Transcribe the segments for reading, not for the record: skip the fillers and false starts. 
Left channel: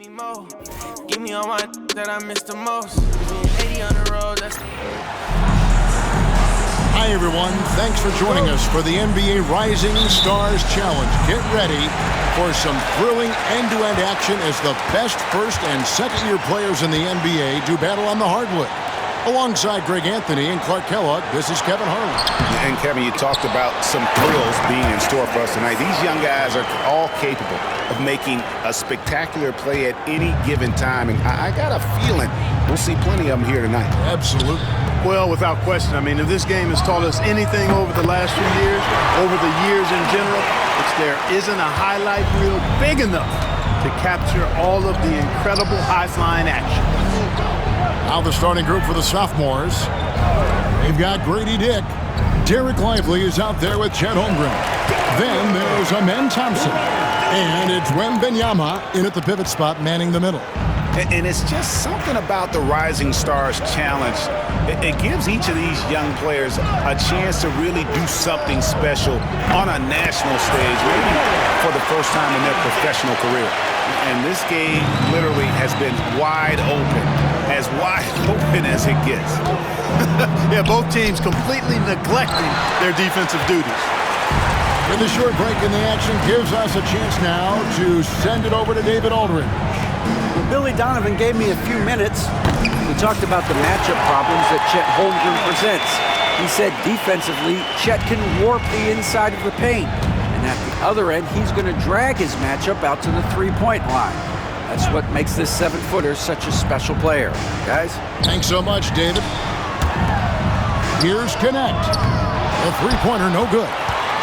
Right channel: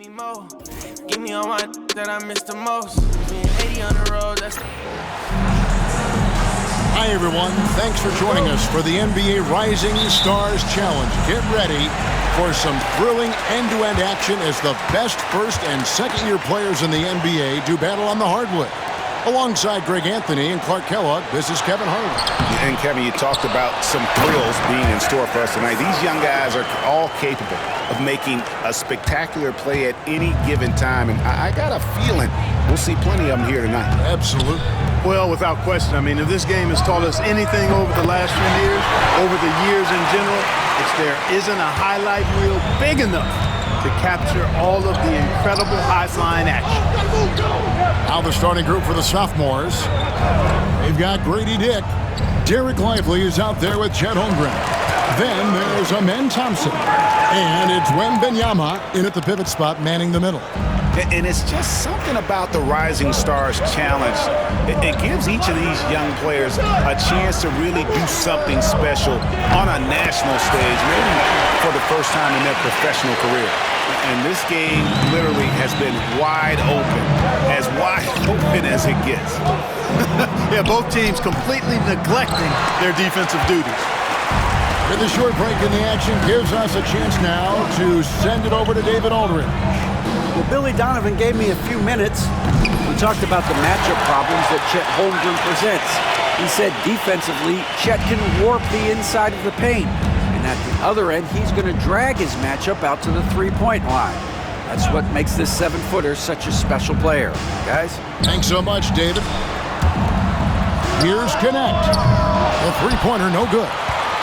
me more. Give me all my that I missed the most. Being 80 on the road, that's... Hi, everyone. Thanks for joining us for the NBA Rising Stars Challenge. Get ready for some thrilling end-to-end action as the best first- and second-year players in the NBA do battle on the hardwood. Alongside Greg Anthony and Clark Kellogg, this is Kevin Harlan. And Kevin, you talked about some thrills being in store for us tonight. These young guys are all capable of making a spectacular play at any given time. And I got a feeling we'll see plenty of them here tonight. Absolutely. Well, without question. I mean, if this game has taught us anything over the last few years, over the years in general, it's there isn't a highlight reel big enough to capture all of the incredible high-flying action. Now the starting group for the sophomores. They've got Grady Dick. Derek Lively is out there with Chet Holmgren. Then there's Amen Thompson. And it's Wembanyama in at the pivot spot, manning the middle. And it's just something about the Rising Stars Challenge. It gives each of these young players a chance to really do something special on a national stage, maybe for the first time in their professional career. And this game literally has been wide open as it gets. Yeah, both teams completely neglecting their defensive duties. With a short break in the action gives us a chance now to send it over to David Aldridge. Well, Billy Donovan gave me a few minutes. We talked about the matchup problems that Chet Holmgren presents. He said defensively, Chet can warp the inside of the paint. And at the other end, he's going to drag his matchup out to the three-point line. That's what makes this 7-footer such a special player. Guys? Thanks so much, David. Here's Connect. The three-pointer, no good.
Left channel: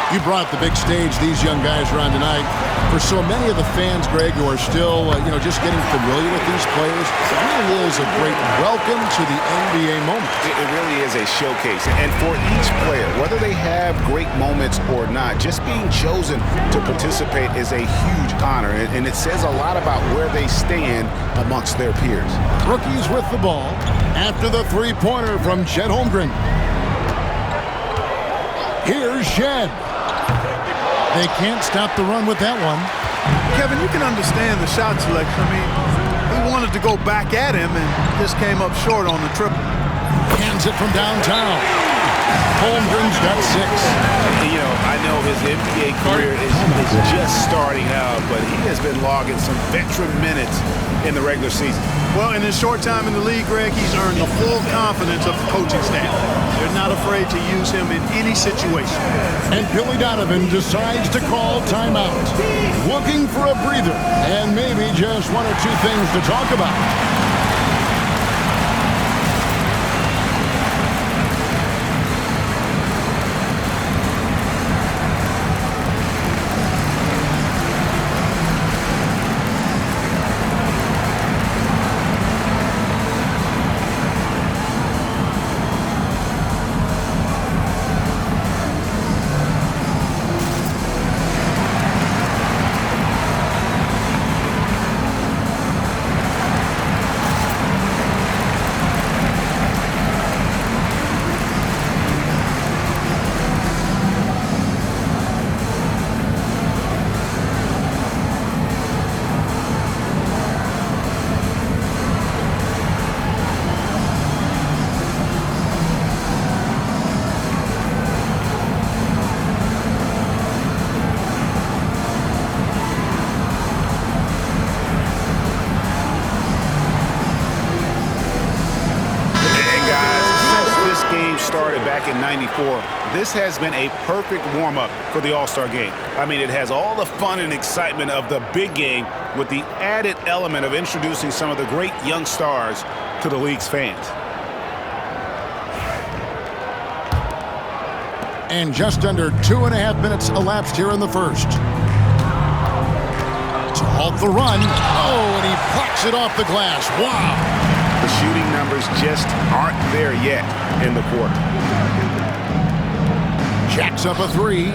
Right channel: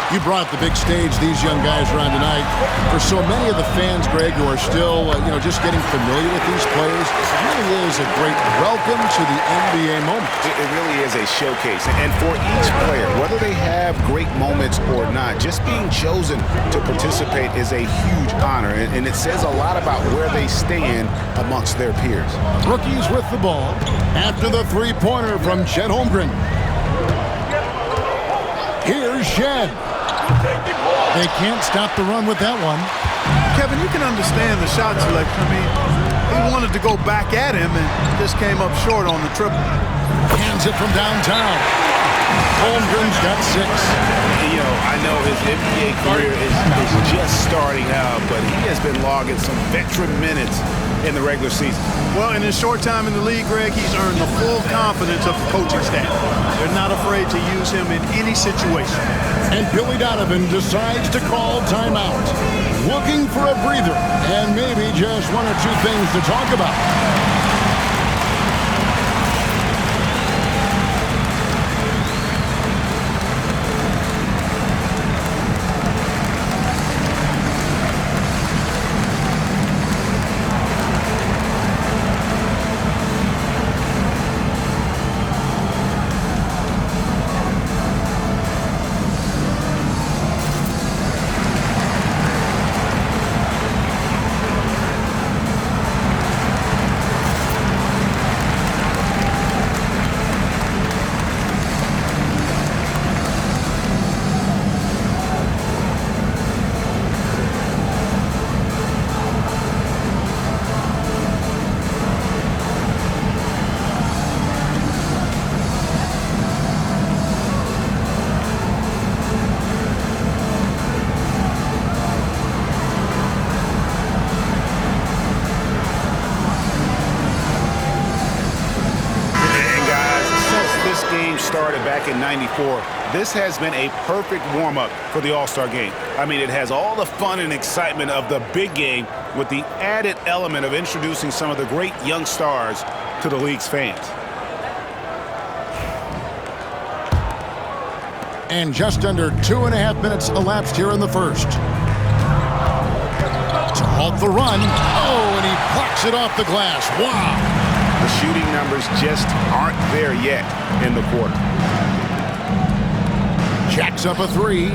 You brought the big stage these young guys are on tonight. For so many of the fans, Greg, who are still, just getting familiar with these players, it really is a great welcome to the NBA moment. It really is a showcase. And for each player, whether they have great moments or not, just being chosen to participate is a huge honor. And it says a lot about where they stand amongst their peers. Rookies with the ball after the three-pointer from Chet Holmgren. Here's Shed. They can't stop the run with that one. Kevin, you can understand the shot selection. I mean, he wanted to go back at him and just came up short on the triple. Hands it from downtown. Holmgren's got 6. I know his NBA career is just starting out, but he has been logging some veteran minutes in the regular season. Well, in his short time in the league, Greg, he's earned the full confidence of the coaching staff. They're not afraid to use him in any situation. And Billy Donovan decides to call timeout. Looking for a breather and maybe just one or two things to talk about. This game started back in '94. This has been a perfect warm-up for the All-Star game. I mean, it has all the fun and excitement of the big game with the added element of introducing some of the great young stars to the league's fans. And just under 2.5 minutes elapsed here in the first. To halt the run. Oh, and he plucks it off the glass. Wow. The shooting numbers just aren't there yet in the quarter. Jacks up a 3.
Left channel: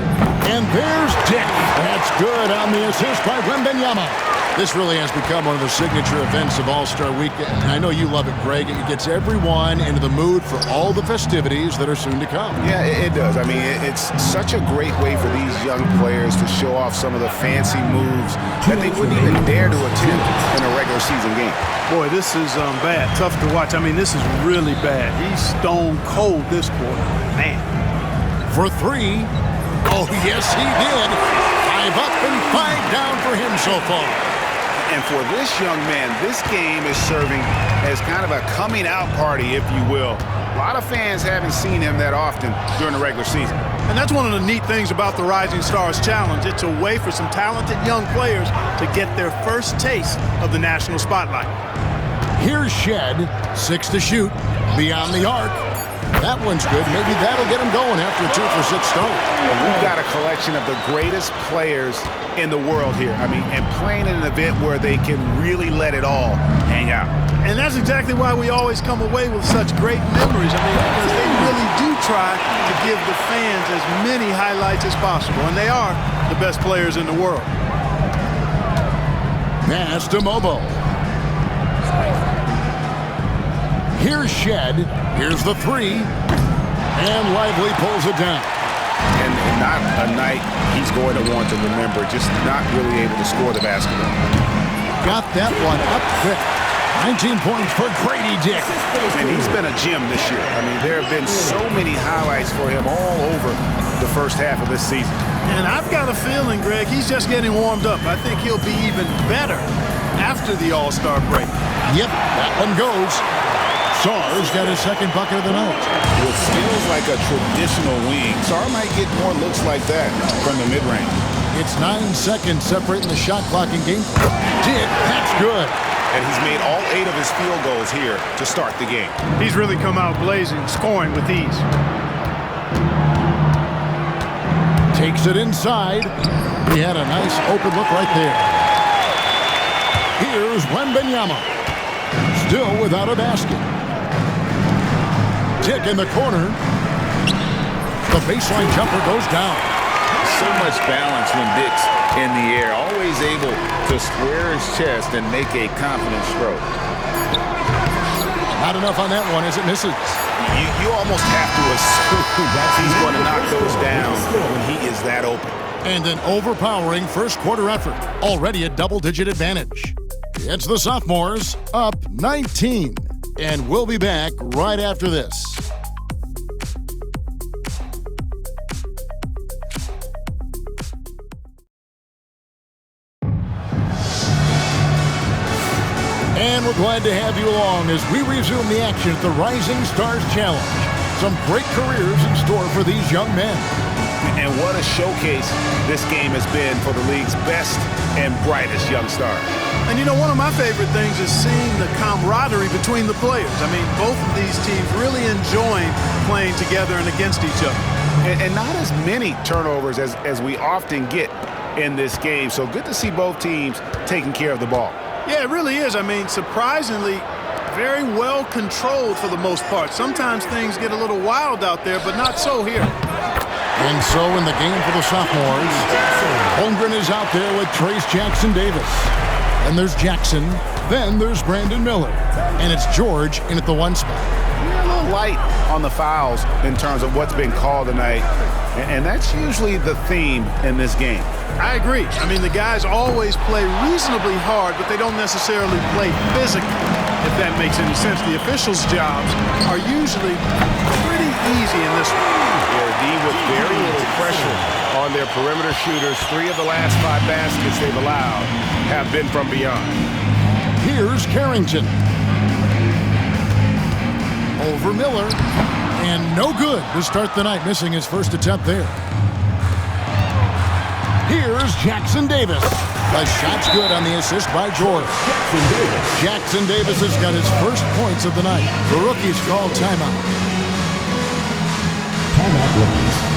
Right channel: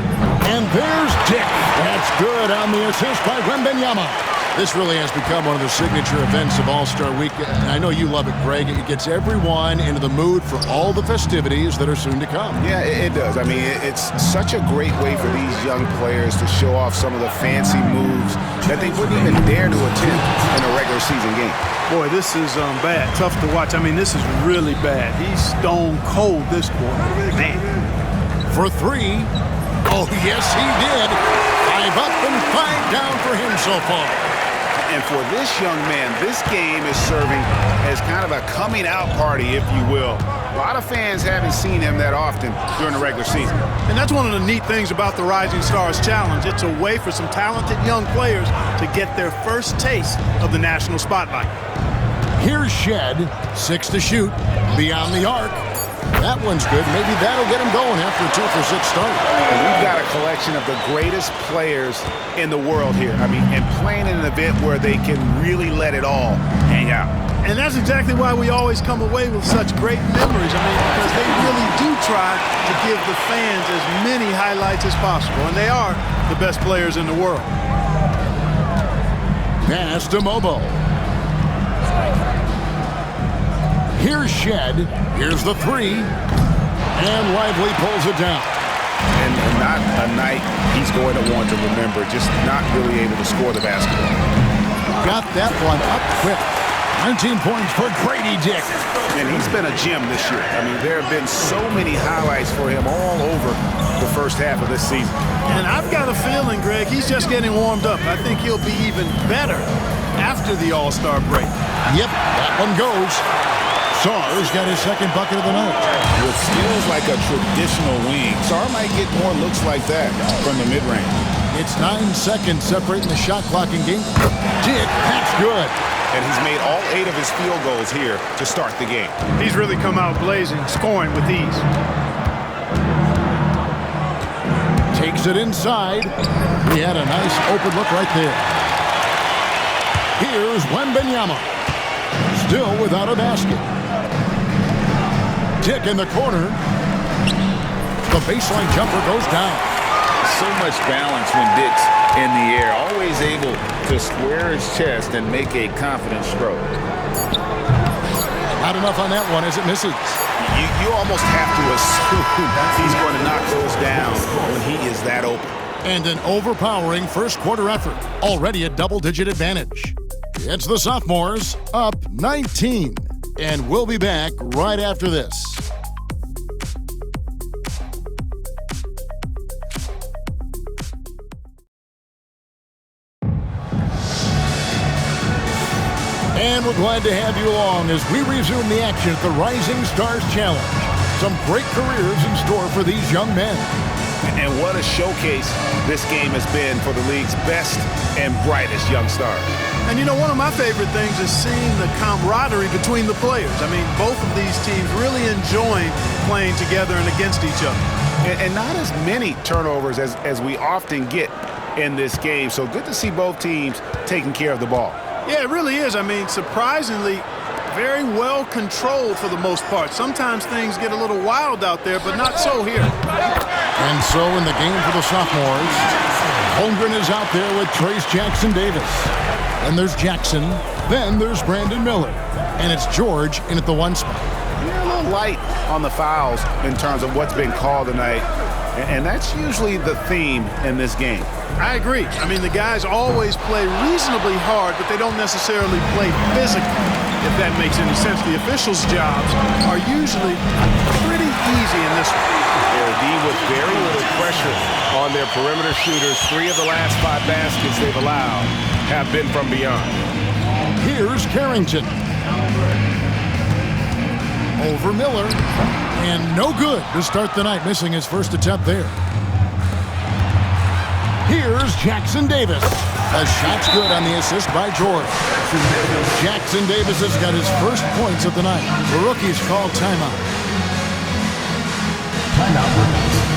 And there's Dick. That's good on the assist by Wembanyama. This really has become one of the signature events of All-Star Week, and I know you love it, Greg. It gets everyone into the mood for all the festivities that are soon to come. Yeah, it does. I mean, it's such a great way for these young players to show off some of the fancy moves that they wouldn't even dare to attempt in a regular season game. Boy, this is bad. Tough to watch. I mean, this is really bad. He's stone cold this quarter. Man. For three. Oh, yes, he did. 5 up and 5 down for him so far. And for this young man, this game is serving as kind of a coming out party, if you will. A lot of fans haven't seen him that often during the regular season. And that's one of the neat things about the Rising Stars Challenge. It's a way for some talented young players to get their first taste of the national spotlight. Here's Shed, 6 to shoot, beyond the arc. That one's good. Maybe that'll get him going after a 2-for-6 start. And we've got a collection of the greatest players in the world here. I mean, and playing in an event where they can really let it all hang out. And that's exactly why we always come away with such great memories. I mean, because they really do try to give the fans as many highlights as possible. And they are the best players in the world. Pass to Mobo. Here's Shed. Here's the 3. And Lively pulls it down. And not a night he's going to want to remember, just not really able to score the basketball. Got that one up quick. 19 points for Grady Dick. And he's been a gem this year. I mean, there have been so many highlights for him all over the first half of this season. And I've got a feeling, Greg, he's just getting warmed up. I think he'll be even better after the All-Star break. Yep, that one goes. Sarr's got his second bucket of the night. With skills like a traditional wing, Sarr might get more looks like that from the mid-range. It's 9 seconds separating the shot clock and game clock. Dick, that's good. And he's made all 8 of his field goals here to start the game. He's really come out blazing, scoring with ease. Takes it inside. He had a nice open look right there. Here's Wembanyama. Still without a basket. Dick in the corner. The baseline jumper goes down. So much balance when Dick's in the air, always able to square his chest and make a confident stroke. Not enough on that one as it misses. You almost have to assume he's going to knock those down when he is that open. And an overpowering first quarter effort. Already a double-digit advantage. It's the sophomores up 19. And we'll be back right after this. And we're glad to have you along as we resume the action at the Rising Stars Challenge. Some great careers in store for these young men. And what a showcase this game has been for the league's best and brightest young stars. And you know, one of my favorite things is seeing the camaraderie between the players. I mean, both of these teams really enjoying playing together and against each other. And not as many turnovers as we often get in this game. So good to see both teams taking care of the ball. Yeah, it really is. I mean, surprisingly, very well controlled for the most part. Sometimes things get a little wild out there, but not so here. And so in the game for the sophomores, Holmgren is out there with Trayce Jackson-Davis. Then there's Jackson. Then there's Brandon Miller. And it's George in at the 1 spot. You're a little light on the fouls in terms of what's been called tonight. And that's usually the theme in this game. I agree. I mean, the guys always play reasonably hard, but they don't necessarily play physically, if that makes any sense. The officials' jobs are usually pretty easy in this one. D with very little pressure on their perimeter shooters. 3 of the last 5 baskets they've allowed have been from beyond. Here's Carrington. Over Miller. And no good to start the night, missing his first attempt there. Here's Jackson-Davis. The shot's good on the assist by George. Jackson-Davis has got his first points of the night. The rookie's called timeout. Timeout, rookies.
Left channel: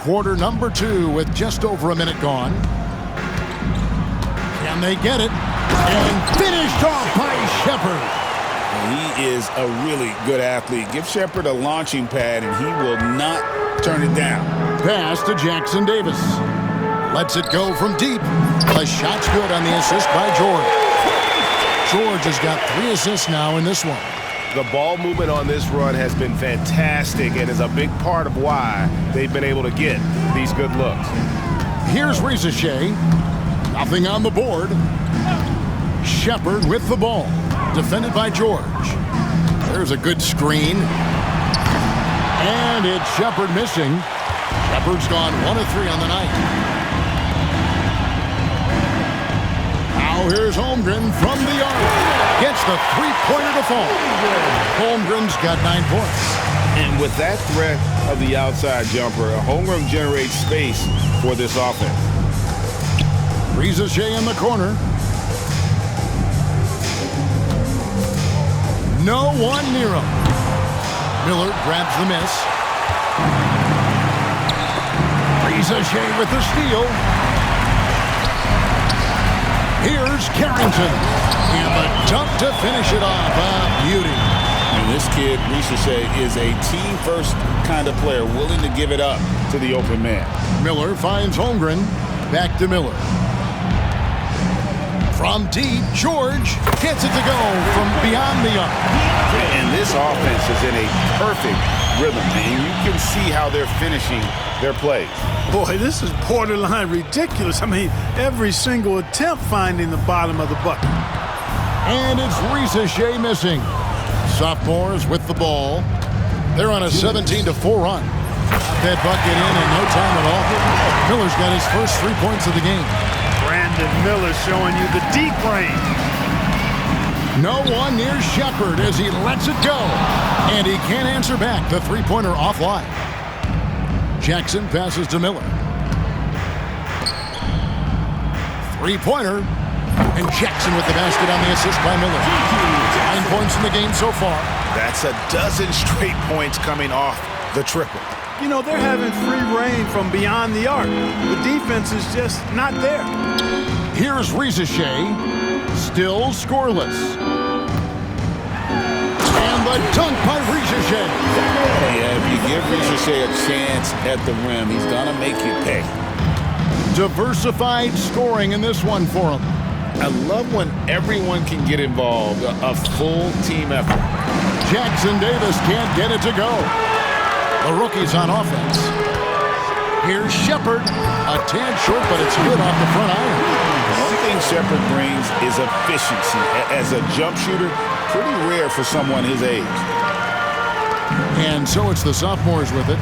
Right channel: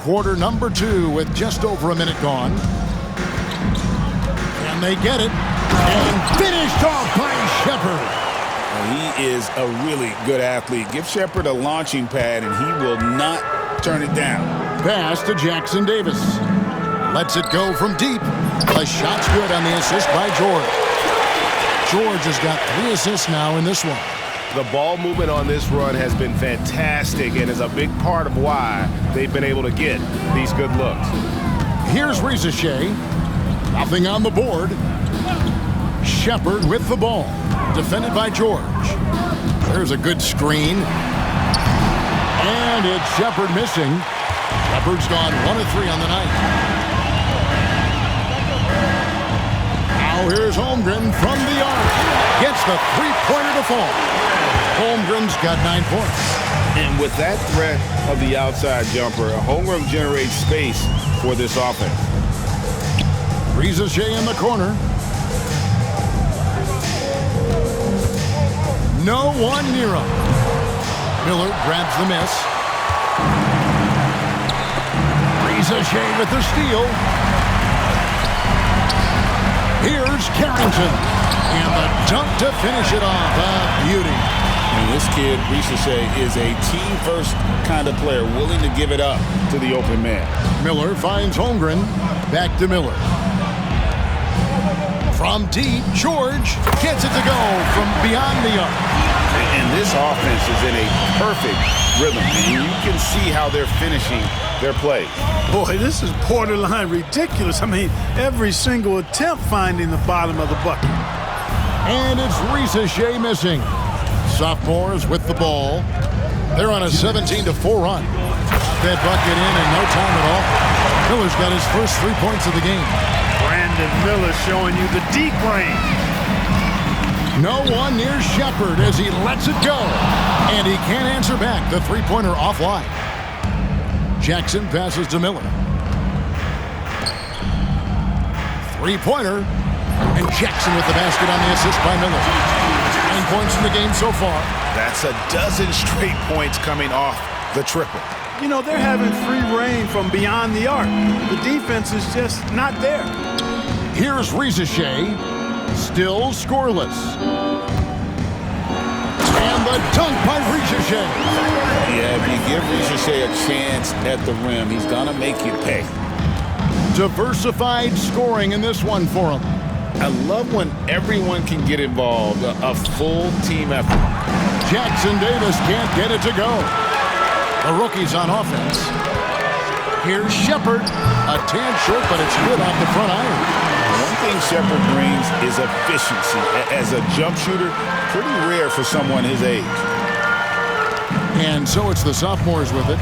quarter number 2 with just over a minute gone. Can they get it? And finished off by Shepard. He is a really good athlete. Give Shepard a launching pad, and he will not turn it down. Pass to Jackson Davis. Lets it go from deep. The shot's good on the assist by George. George has got 3 assists now in this one. The ball movement on this run has been fantastic and is a big part of why they've been able to get these good looks. Here's Risacher. Nothing on the board. Shepard with the ball. Defended by George. There's a good screen. And it's Shepard missing. Shepard's gone 1 of 3 on the night. Now here's Holmgren from the arc. Gets the 3-pointer to fall. Holmgren's got 9 points. And with that threat of the outside jumper, Holmgren generates space for this offense. Risacher in the corner. No one near him. Miller grabs the miss. Risacher with the steal. Here's Carrington. And the dunk to finish it off. A beauty. And this kid, Risacher, is a team-first kind of player, willing to give it up to the open man. Miller finds Holmgren. Back to Miller. From deep, George gets it to go from beyond the arc. And this offense is in a perfect rhythm, and you can see how they're finishing their plays. Boy, this is borderline ridiculous. I mean, every single attempt finding the bottom of the bucket. And it's Risacher missing. Sophomores with the ball. They're on a 17-4 run. Got that bucket in no time at all. Miller's got his first 3 points of the game. Brandon Miller showing you the deep range. No one near Shepard as he lets it go. And he can't answer back. The 3-pointer offline. Jackson passes to Miller. 3-pointer. And Jackson with the basket on the assist by Miller. 9 points in the game so far. That's a dozen straight points coming off the triple. You know, they're having free reign from beyond the arc. The defense is just not there. Here's Risacher. Still scoreless. And the dunk by Risacher. Yeah, if you give Risacher a chance at the rim, he's going to make you pay. Diversified scoring in this one for him. I love when everyone can get involved, a full team effort. Jackson Davis can't get it to go. The rookie's on offense. Here's Shepard. A tad short, but it's good off the front iron. One thing Shepard brings is efficiency. As a jump shooter, pretty rare for someone his age. And so it's the sophomores with it.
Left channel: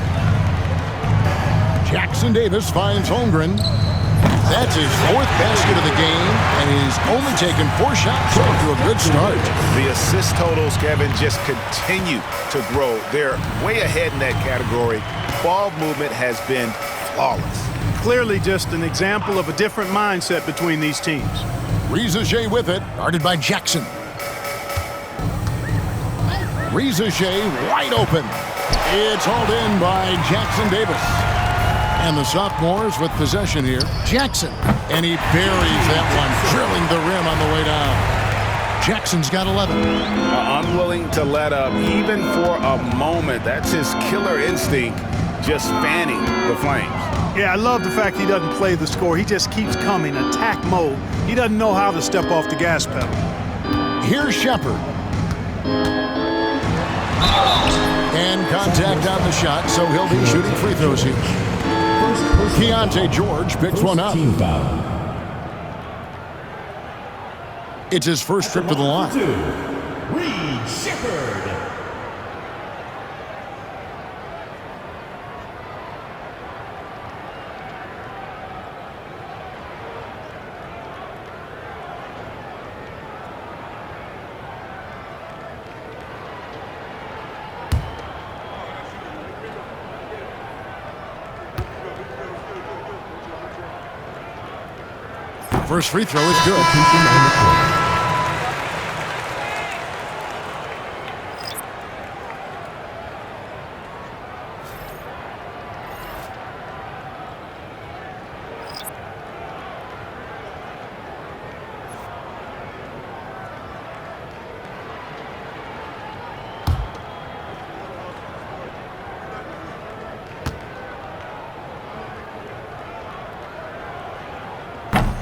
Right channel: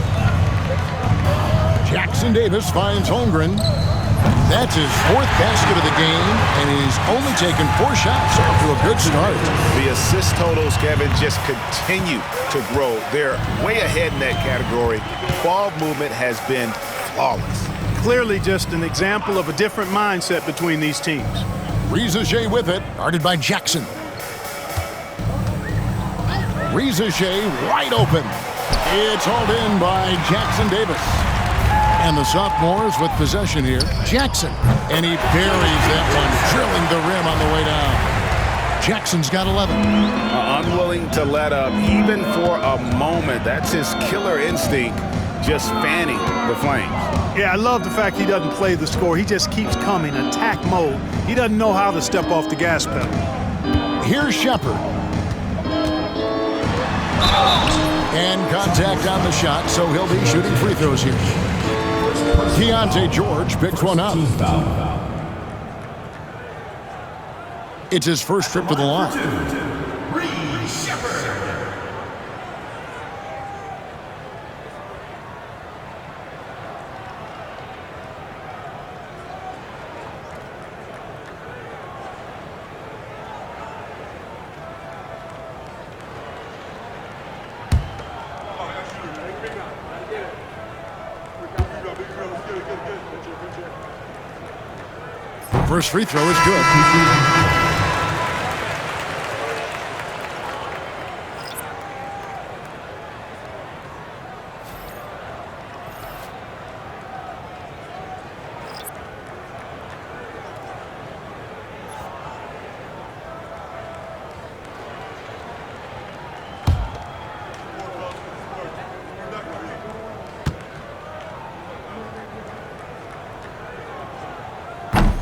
Jackson Davis finds Holmgren. That's his 4th basket of the game, and he's only taken 4 shots. Off to a good start. The assist totals, Kevin, just continue to grow. They're way ahead in that category. Ball movement has been flawless. Clearly just an example of a different mindset between these teams. Risacher with it, guarded by Jackson. Risacher wide open. It's hauled in by Jackson Davis. And the sophomores with possession here. Jackson. And he buries that one, drilling the rim on the way down. Jackson's got 11. Unwilling to let up, even for a moment. That's his killer instinct, just fanning the flames. Yeah, I love the fact he doesn't play the score. He just keeps coming, attack mode. He doesn't know how to step off the gas pedal. Here's Shepard. And contact on the shot, so he'll be shooting free throws here. Keontae George picks one up. It's his first trip to the line. First free throw is good.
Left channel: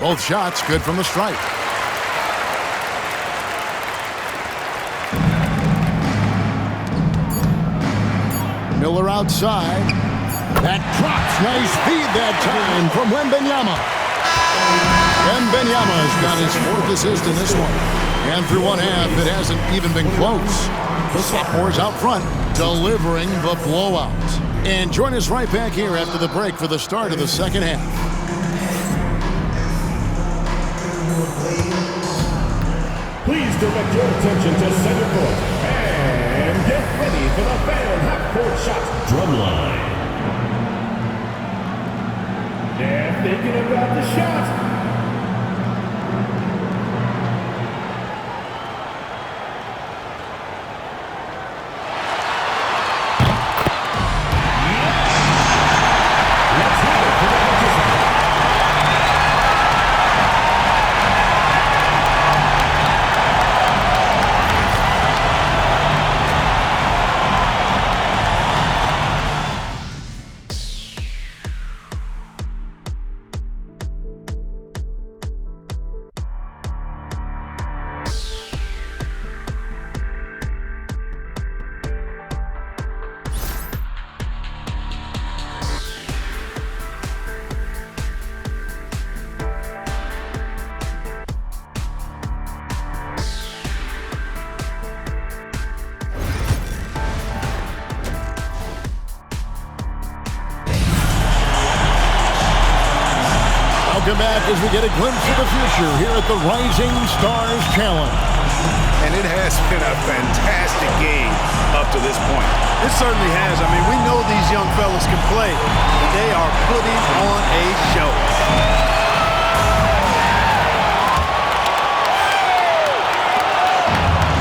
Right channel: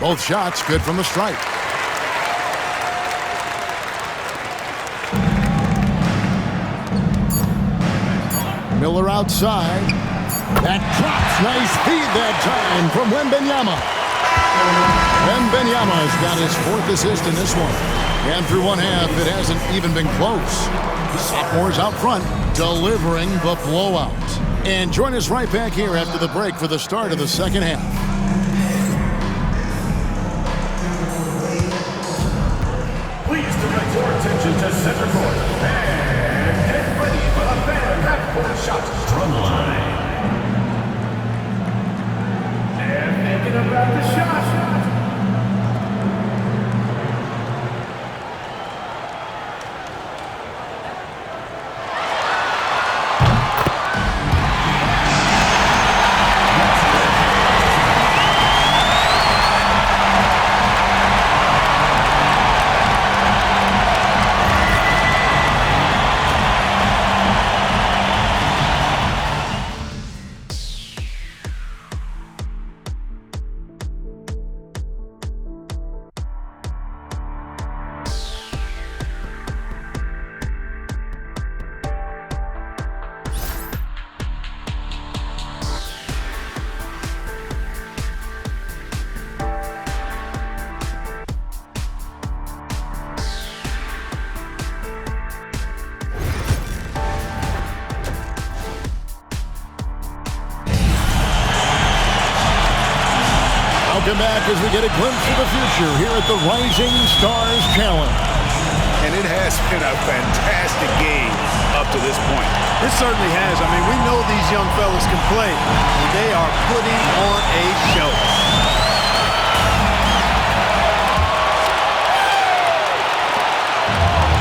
Both shots good from the stripe. Miller outside. That drops. Nice feed that time from Wembanyama. Wembanyama's got his 4th assist in this one. And through one half, it hasn't even been close. The sophomores out front, delivering the blowout. And join us right back here after the break for the start of the second half. Please direct your attention to center court and get ready for the Phantom half-court shot drumline. They're thinking about the shot. Welcome back as we get a glimpse of the future here at the Rising Stars Challenge. And it has been a fantastic game up to this point. It certainly has. I mean, we know these young fellas can play, and they are putting on a show.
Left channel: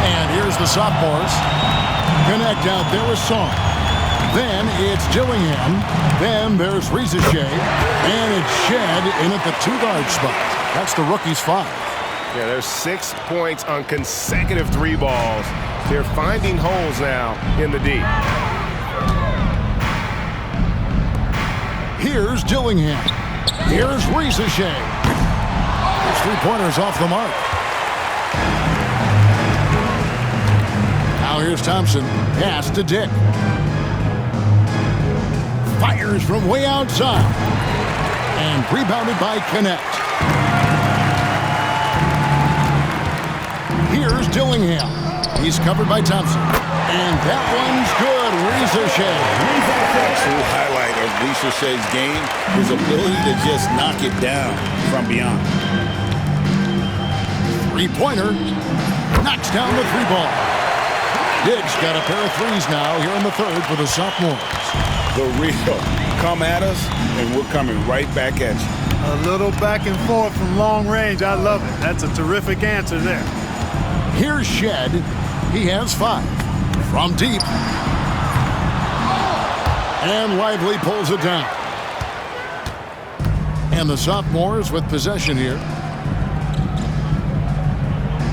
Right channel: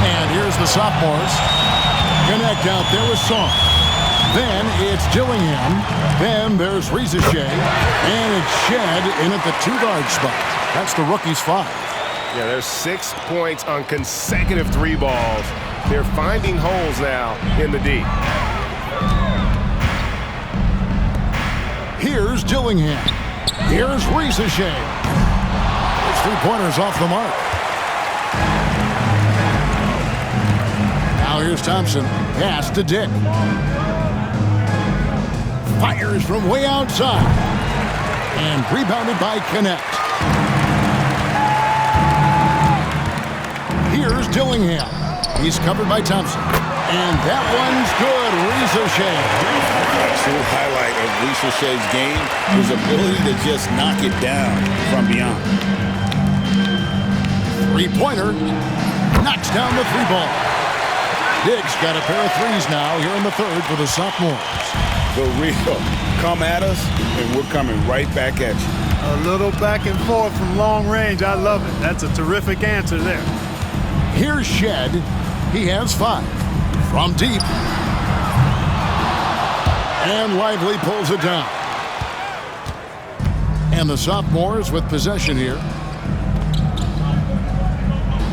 And here's the sophomores. Connect out there with Song. Then it's Dillingham. Then there's Rizachet. And it's Shed in at the 2-guard spot. That's the rookie's 5. Yeah, there's 6 points on consecutive 3 balls. They're finding holes now in the D. Here's Dillingham. Here's Rizachet. His 3-pointers off the mark. Now here's Thompson. Pass to Dick. Fires from way outside. And rebounded by Connect. Here's Dillingham. He's covered by Thompson. And that one's good. Rizachet. A true highlight of Rizachet's game, his ability to just knock it down from beyond. 3-pointer. Knocks down the 3-ball. Diggs got a pair of 3s now here in the 3rd for the sophomores. The real. Come at us, and we're coming right back at you. A little back and forth from long range. I love it. That's a terrific answer there. Here's Shed. He has 5. From deep. And Lively pulls it down. And the sophomores with possession here.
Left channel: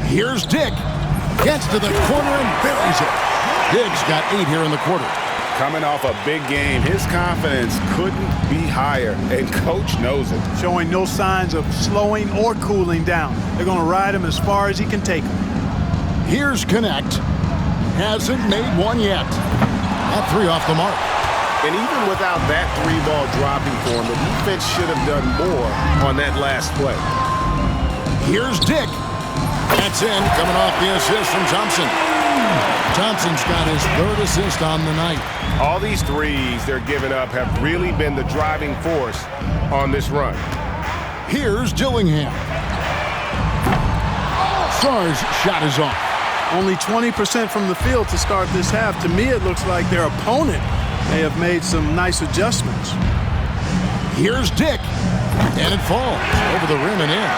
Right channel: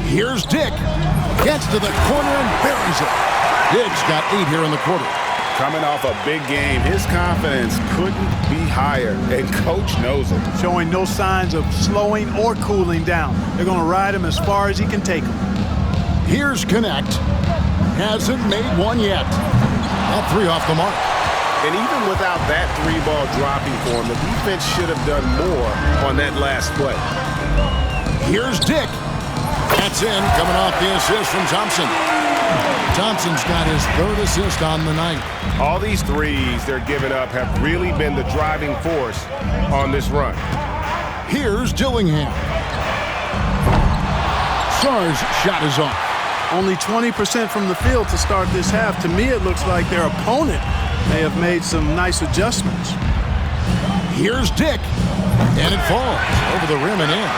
Here's Dick. Gets to the corner and buries it. Diggs got 8 here in the quarter. Coming off a big game, his confidence couldn't be higher, and Coach knows it. Showing no signs of slowing or cooling down. They're going to ride him as far as he can take him. Here's Connect. Hasn't made one yet. That 3 off the mark. And even without that 3-ball dropping for him, the defense should have done more on that last play. Here's Dick. That's in, coming off the assist from Thompson. Thompson's got his 3rd assist on the night. All these 3s they're giving up have really been the driving force on this run. Here's Dillingham. Stars' shot is off. Only 20% from the field to start this half. To me, it looks like their opponent may have made some nice adjustments. Here's Dick. And it falls over the rim and in.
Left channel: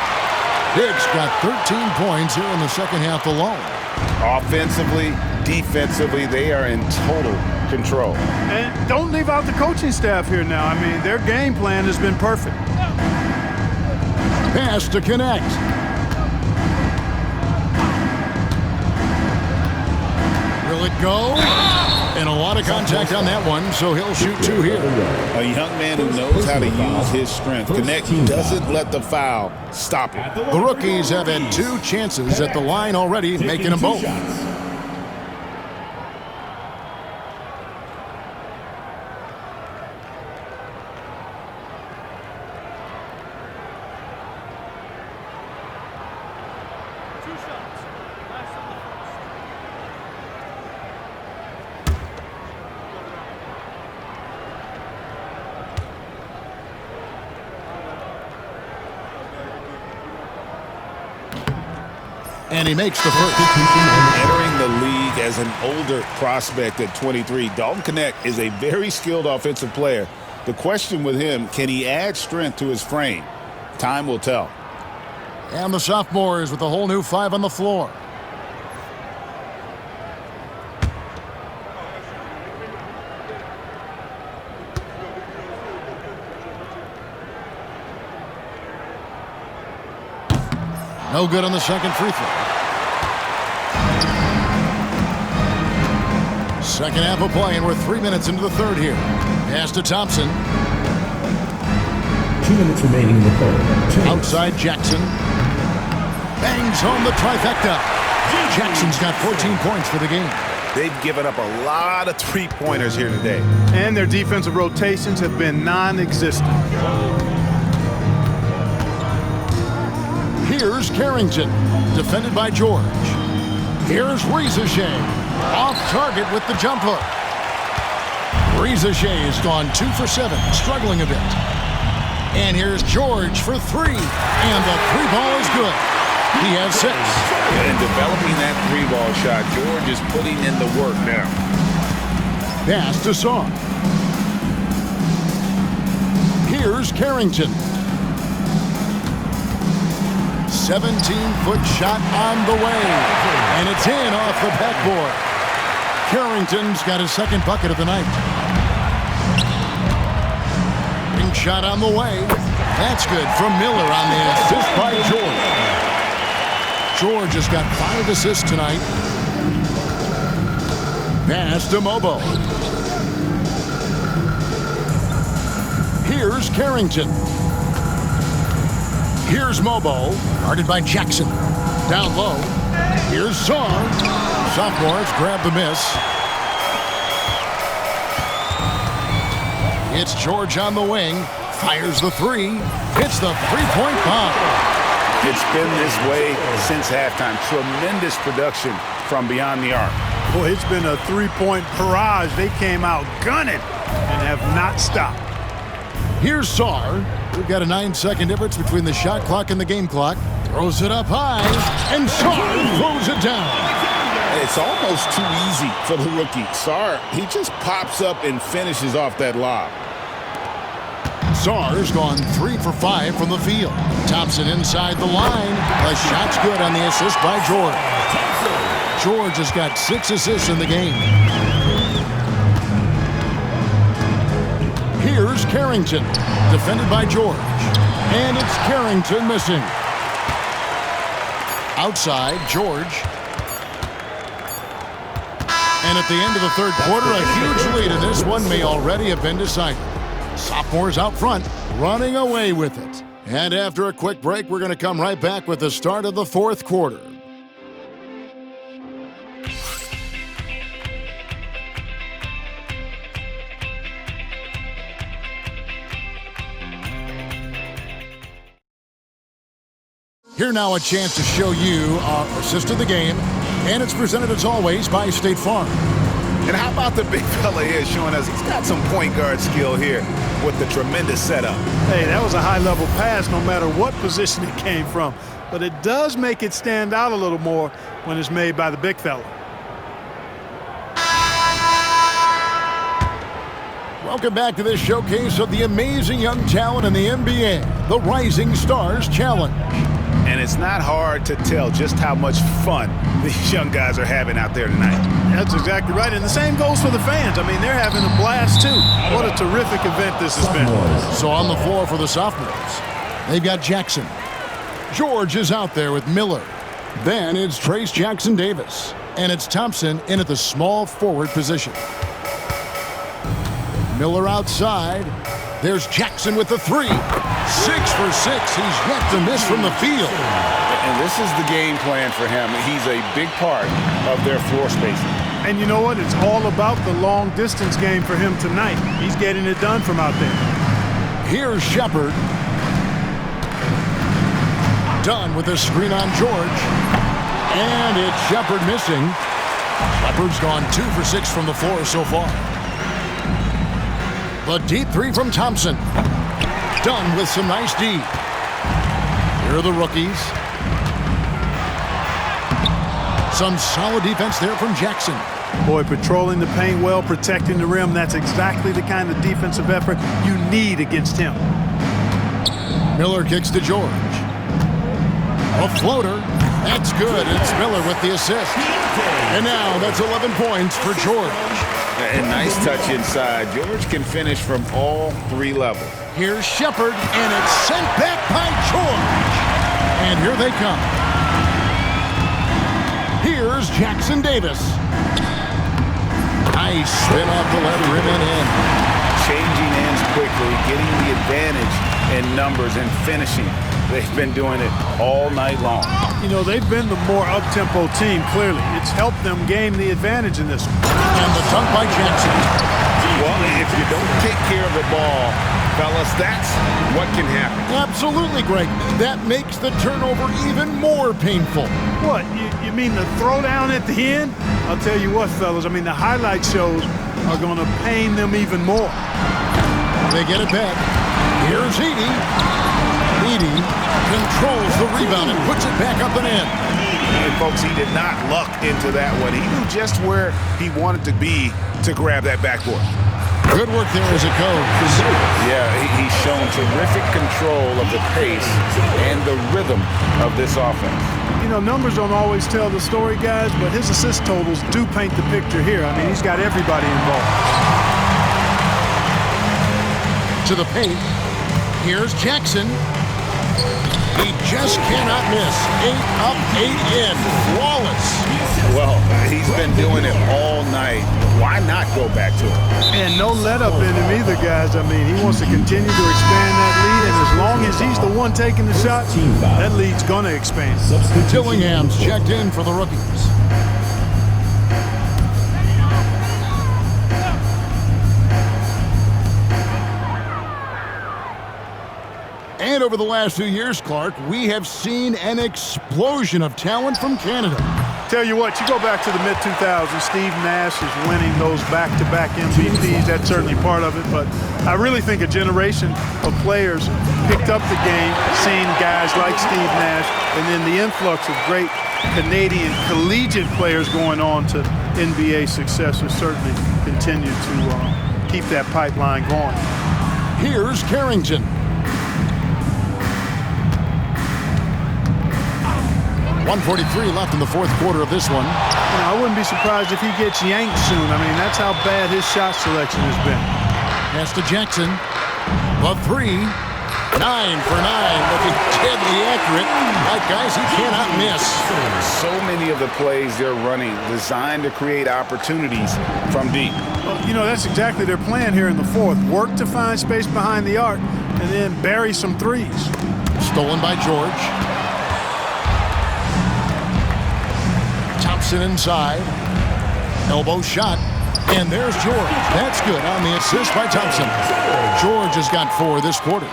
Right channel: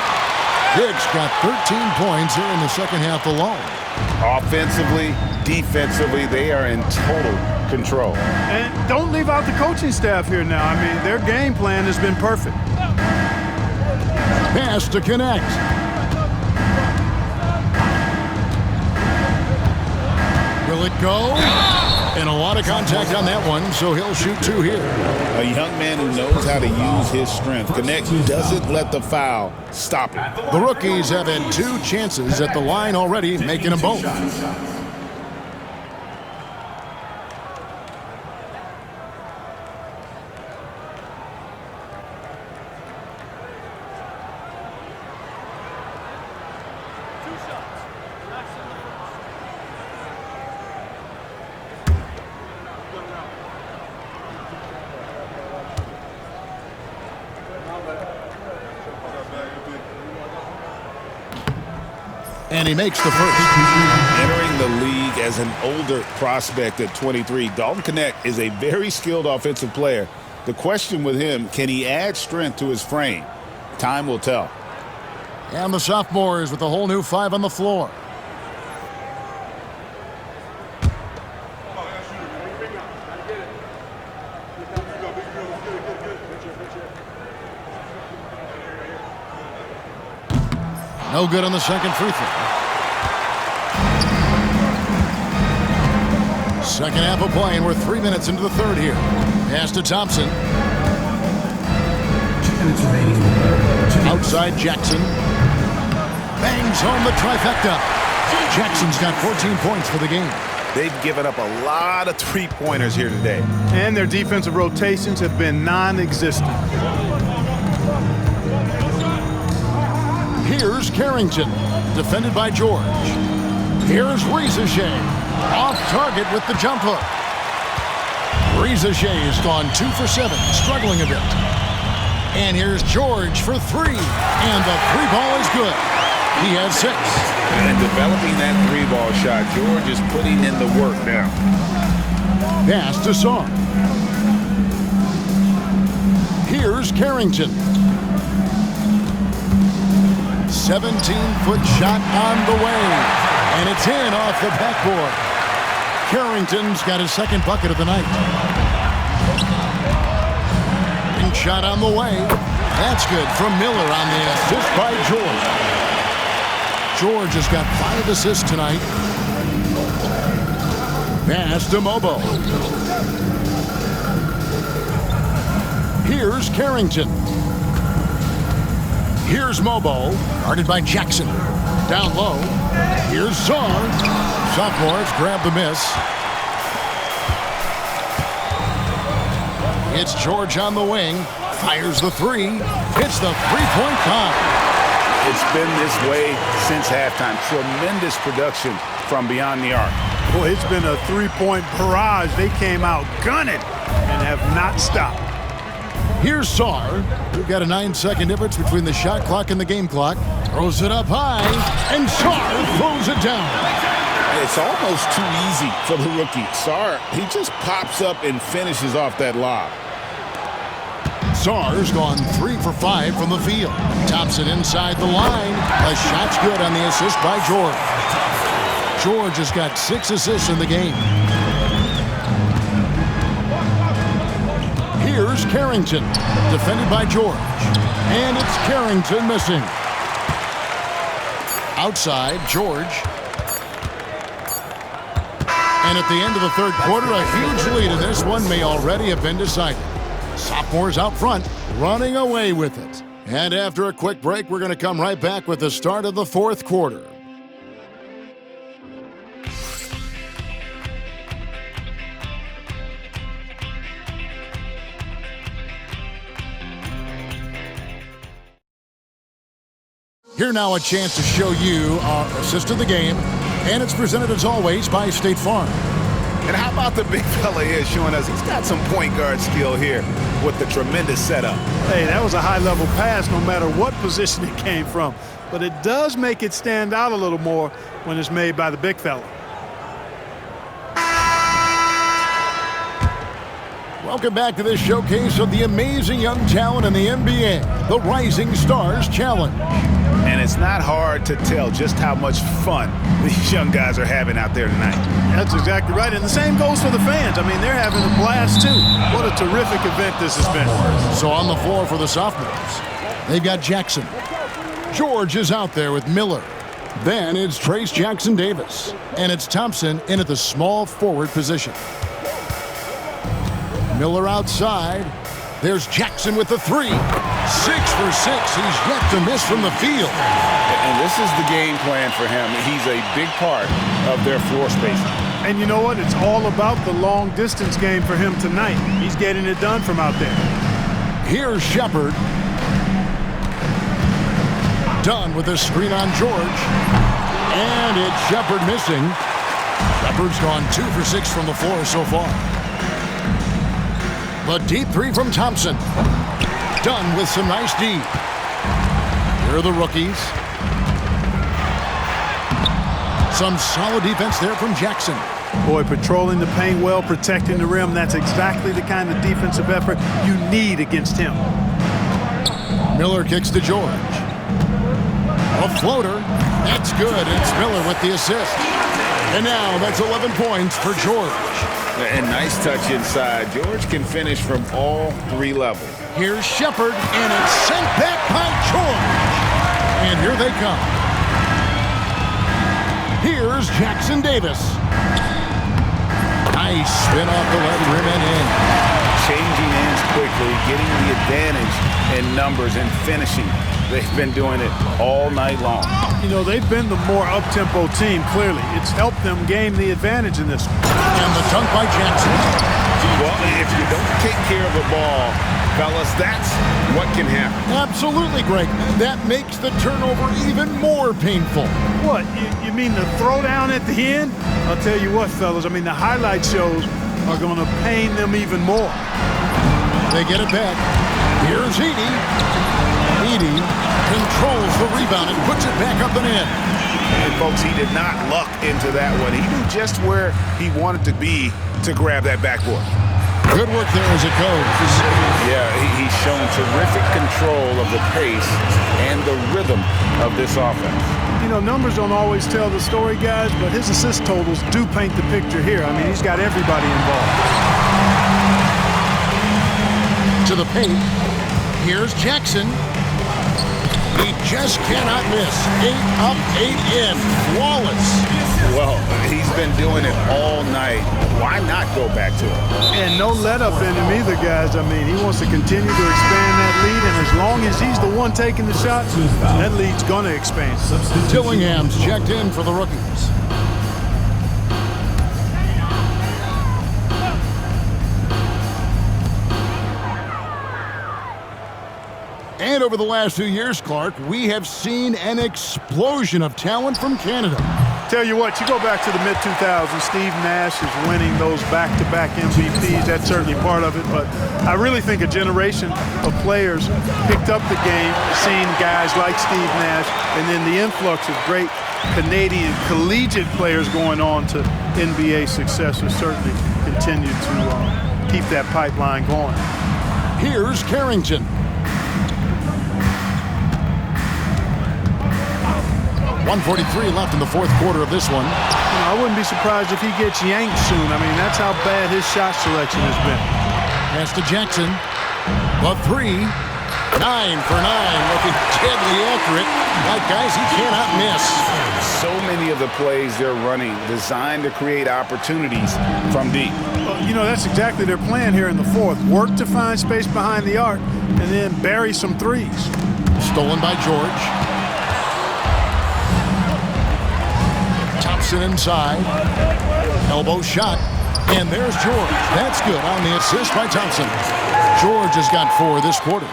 Diggs got 13 points here in the second half alone. Offensively, defensively, they are in total control. And don't leave out the coaching staff here now. I mean, their game plan has been perfect. Pass to Connect. Will it go? And a lot of contact on that one, so he'll shoot 2 here. A young man who knows how to use his strength. Connect doesn't let the foul stop it. The rookies have had 2 chances at the line already, making them both. And he makes the first. Entering the league as an older prospect at 23, Dalton Knecht is a very skilled offensive player. The question with him, can he add strength to his frame? Time will tell. And the sophomores with a whole new 5 on the floor. No good on the second free throw. Second half of play, and we're 3 minutes into the third here. Pass to Thompson. 2 minutes remaining in the third. Outside Jackson. Bangs home the trifecta. Jackson's got 14 points for the game. They've given up a lot of three-pointers here today. And their defensive rotations have been non-existent. Here's Carrington, defended by George. Here's Rizachet, off target with the jump hook. Rizachet's gone 2 for 7, struggling a bit. And here's George for 3, and the 3-ball is good. He has 6. And developing that 3-ball shot, George is putting in the work now. Pass to Sarr. Here's Carrington. 17-foot shot on the way, and it's in off the backboard. Carrington's got his second bucket of the night. Ring shot on the way. That's good from Miller on the assist by George. George has got 5 assists tonight. Pass to Mobo. Here's Carrington. Here's Mobo, guarded by Jackson. Down low. Here's Sarr. Sophomores grab the miss. It's George on the wing. Fires the 3. Hits the 3-point pop. It's been this way since halftime. Tremendous production from beyond the arc. Boy, it's been a 3-point barrage. They came out gunning and have not stopped. Here's Sarr. We've got a 9-second difference between the shot clock and the game clock. Throws it up high, and Sarr throws it down. It's almost too easy for the rookie. Sarr, he just pops up and finishes off that lob. Sarr's gone 3 for 5 from the field. Thompson inside the line. The shot's good on the assist by George. George has got 6 assists in the game. Here's Carrington, defended by George. And it's Carrington missing. Outside, George. And at the end of the third quarter, a huge lead in this one may already have been decided. Sophomores out front, running away with it. And after a quick break, we're going to come right back with the start of the fourth quarter. Here now a chance to show you our assist of the game, and it's presented as always by State Farm. And how about the big fella here showing us he's got some point guard skill here with the tremendous setup. Hey, that was a high-level pass no matter what position it came from. But it does make it stand out a little more when it's made by the big fella. Welcome back to this showcase of the amazing young talent in the NBA, the Rising Stars Challenge. And it's not hard to tell just how much fun these young guys are having out there tonight. That's exactly right. And the same goes for the fans. I mean, they're having a blast, too. What a terrific event this has been. So on the floor for the sophomores, they've got Jackson. George is out there with Miller. Then it's Trace Jackson Davis. And it's Thompson in at the small forward position. Miller outside. There's Jackson with the three. 6 for 6. He's yet to miss from the field. And this is the game plan for him. He's a big part of their floor spacing. And you know what? It's all about the long-distance game for him tonight. He's getting it done from out there. Here's Shepard. Done with a screen on George. And it's Shepard missing. Shepard's gone 2 for 6 from the floor so far. The deep three from Thompson. Done with some nice D. Here are the rookies. Some solid defense there from Jackson. Boy, patrolling the paint well, protecting the rim. That's exactly the kind of defensive effort you need against him. Miller kicks to George. A floater. That's good. It's Miller with the assist. And now that's 11 points for George. And nice touch inside. George can finish from all 3 levels. Here's Shepard, and it's sent back by George. And here they come. Here's Jackson Davis. Nice spin off the left rim and in. Changing ends quickly, getting the advantage in numbers and finishing. They've been doing it all night long. You know, they've been the more up-tempo team, clearly. It's helped them gain the advantage in this one. And the dunk by Jackson. Well, if you don't take care of the ball, fellas, that's what can happen. Absolutely, Greg. That makes the turnover even more painful. What, you mean the throwdown at the end? I'll tell you what, fellas, I mean, the highlight shows are going to pain them even more. They get it back. Here's Edey. Edey controls the rebound and puts it back up and in. And folks, he did not luck into that one. He knew just where he wanted to be to grab that backboard. Good work there as it goes. Yeah, he's shown terrific control of the pace and the rhythm of this offense. You know, numbers don't always tell the story, guys, but his assist totals do paint the picture here. I mean, he's got everybody involved. To the paint. Here's Jackson. He just cannot miss. 8 up, 8 in. Flawless. Well, he's been doing it all night. Why not go back to it? And no let-up in him either, guys. I mean, he wants to continue to expand that lead, and as long as he's the one taking the shot, that lead's going to expand. Dillingham's checked in for the rookies. And over the last 2 years, Clark, we have seen an explosion of talent from Canada. Tell you what, you go back to the mid-2000s, Steve Nash is winning those back-to-back MVPs. That's certainly part of it, but I really think a generation of players picked up the game, seeing guys like Steve Nash, and then the influx of great Canadian collegiate players going on to NBA success has certainly continued to keep that pipeline going. Here's Carrington. 1:43 left in the 4th quarter of this one. You know, I wouldn't be surprised if he gets yanked soon. I mean, that's how bad his shot selection has been. Pass to Jackson. The three. 9 for 9. Looking deadly accurate. Like, guys, he cannot miss. So many of the plays they're running designed to create opportunities from deep. Well, you know, that's exactly their plan here in the 4th. Work to find space behind the arc and then bury some threes. Stolen by George. Thompson inside. Elbow shot. And there's George. That's good on the assist by Thompson. George has got 4 this quarter.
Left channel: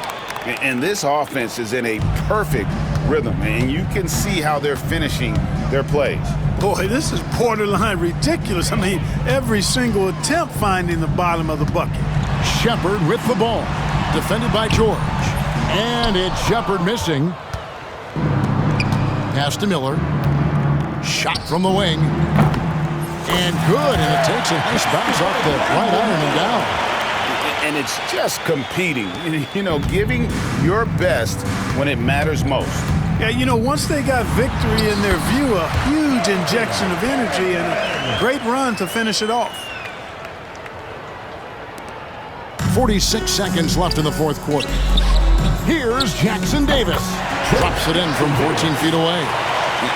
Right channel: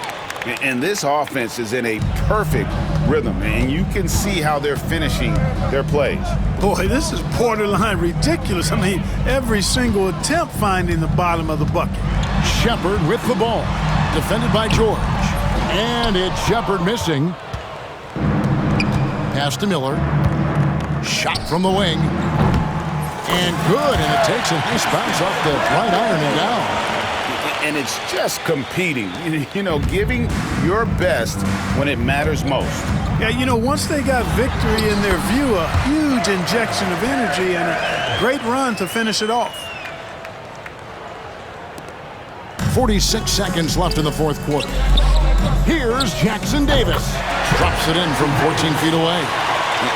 And this offense is in a perfect rhythm, and you can see how they're finishing their plays. Boy, this is borderline ridiculous. I mean, every single attempt finding the bottom of the bucket. Shepard with the ball. Defended by George. And it's Shepard missing. Pass to Miller. Shot from the wing. And good, and it takes a nice bounce off the right iron and down. And it's just competing, you know, giving your best when it matters most. Yeah, you know, once they got victory in their view, a huge injection of energy and a great run to finish it off. 46 seconds left in the 4th quarter. Here's Jackson Davis. Drops it in from 14 feet away.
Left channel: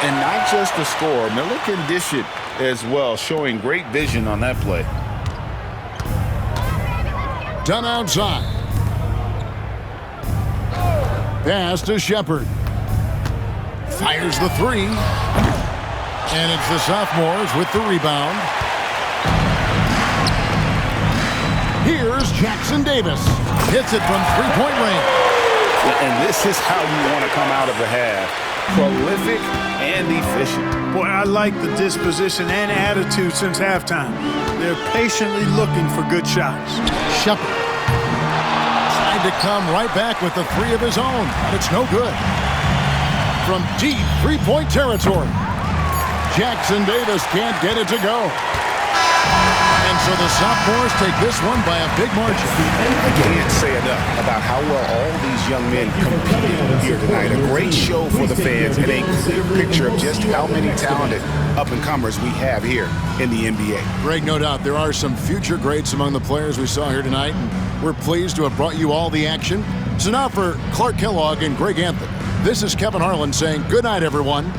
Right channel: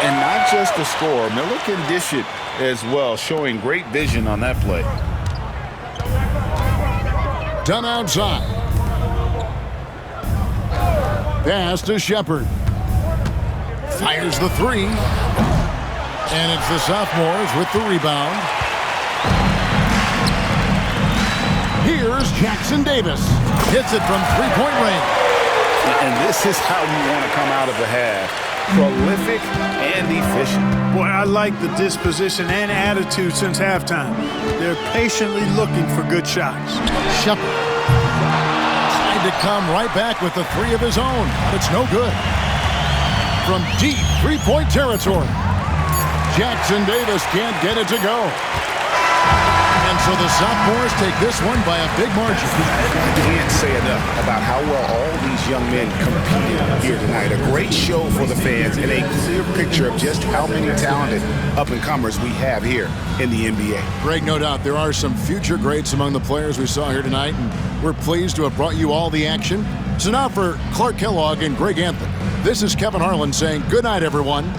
And not just the score, Miller can dish it as well, showing great vision on that play. Dunn outside. Pass to Shepard. Fires the three. And it's the sophomores with the rebound. Here's Jackson Davis. Hits it from three-point range. And this is how you want to come out of the half. Prolific and efficient. Boy, I like the disposition and attitude since halftime. They're patiently looking for good shots. Shepard tried to come right back with the three of his own, but it's no good. From deep three-point territory, Jackson Davis can't get it to go. And so the sophomores take this one by a big margin. I can't say enough about how well all these young men competed here tonight. A great show for the fans and a clear picture of just how many talented up-and-comers we have here in the NBA. Greg, no doubt there are some future greats among the players we saw here tonight, and we're pleased to have brought you all the action. So now for Clark Kellogg and Greg Anthony, this is Kevin Harlan saying good night, everyone.